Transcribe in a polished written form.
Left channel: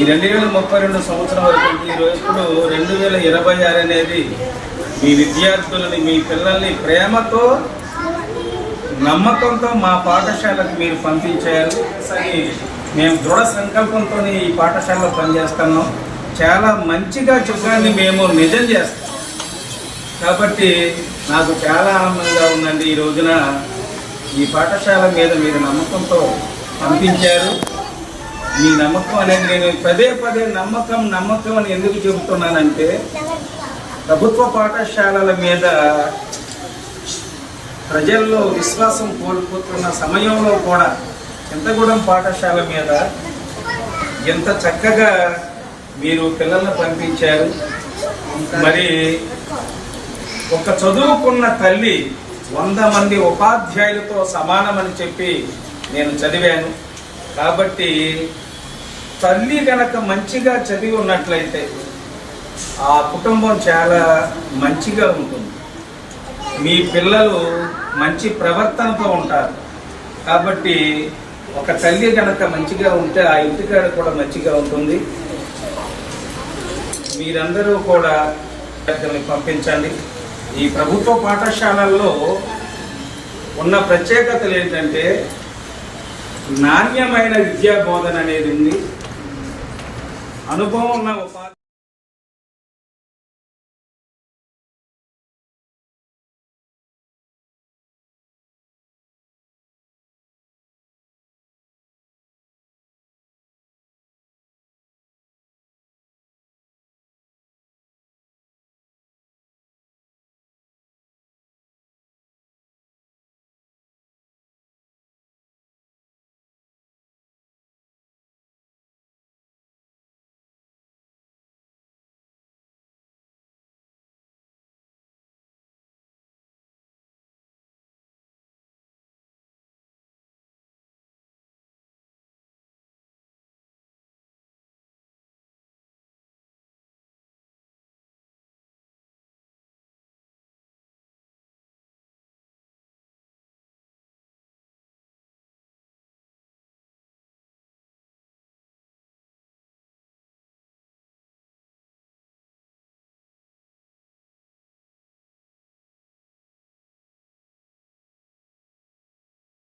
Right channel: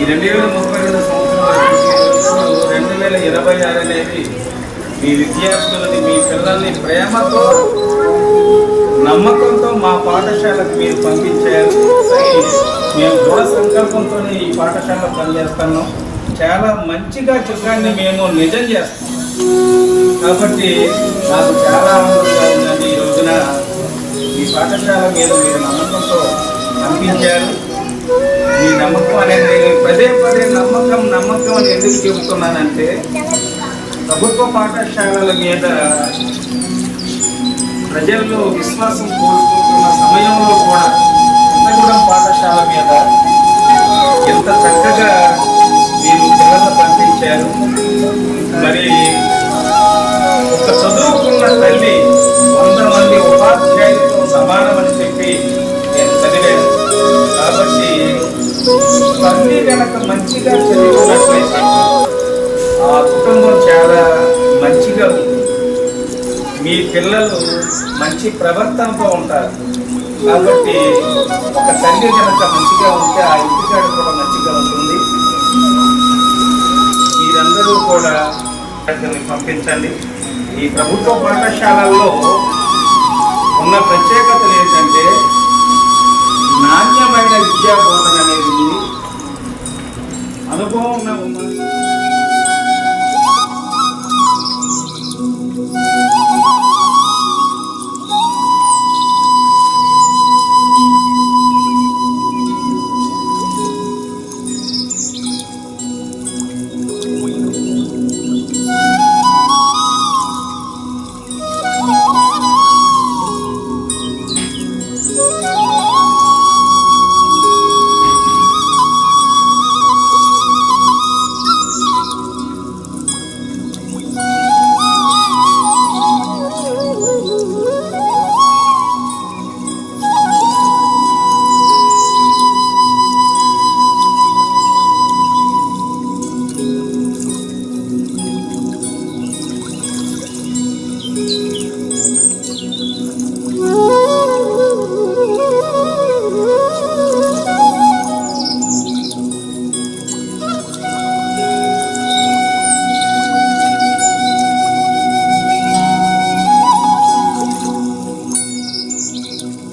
ఈ 2032 సంవత్సరం వరకు 2026 అనేది మీ విద్యార్థులని, మీ పిల్లల్ని ప్రేమతో, నమ్మకంతో మా పాఠశాలకు మీరు పంపించారు. మేము దృఢ సంకల్పంతో ఈ పాఠశాలలో పనిచేస్తున్నాం. చాలా మంచిగా చిత్రాన్ని మేము నిజం చేస్తాం. కాబట్టి నాకు చాలా ఆనందంగా ఉందండి. ఈ రోజున ఈ పాఠశాల మీద మీరు నమ్మకంతో పంపించారు. మీ నమ్మకం అనేది నేను పదే నమ్మకం అని ఎందుకు చెబుతున్నానంటే, ప్రభుత్వ పాఠశాలల మీద ప్రజల్లో విశ్వాసం కోల్పోతున్న సమయంలో కూడా చింతగూడెం పాఠశాల మీద ఎంత చక్కగా మీరు పిల్లలను పంపించారు. మరి ఒక చదువుకున్న తల్లి 100 మంది ఉపాధ్యాయులతో సమానమని చెప్పి నేను చదివాను. కాబట్టి తల్లి కనుక మంచిగా చదివి ఉన్నట్లయితే ఆ కుటుంబం చాలా మంచిగా ఉంటుంది. మీ పిల్లలు మంచి ప్రవర్తనతో ఉంటారు. కాబట్టి ఒక తల్లి కనుక మంచిగా ఉంటే ఆ ఇంటికాడ కూడా మంచిగా ఉంటుంది. మీరందరూ కూడా పంపించండి. ఈ ప్రభుత్వ పాఠశాలల్లో ఉన్న ప్రత్యేకతలు ఏంటంటే, నాణ్యమైన విద్యా బోధన అనేది అనుభవం ఉన్న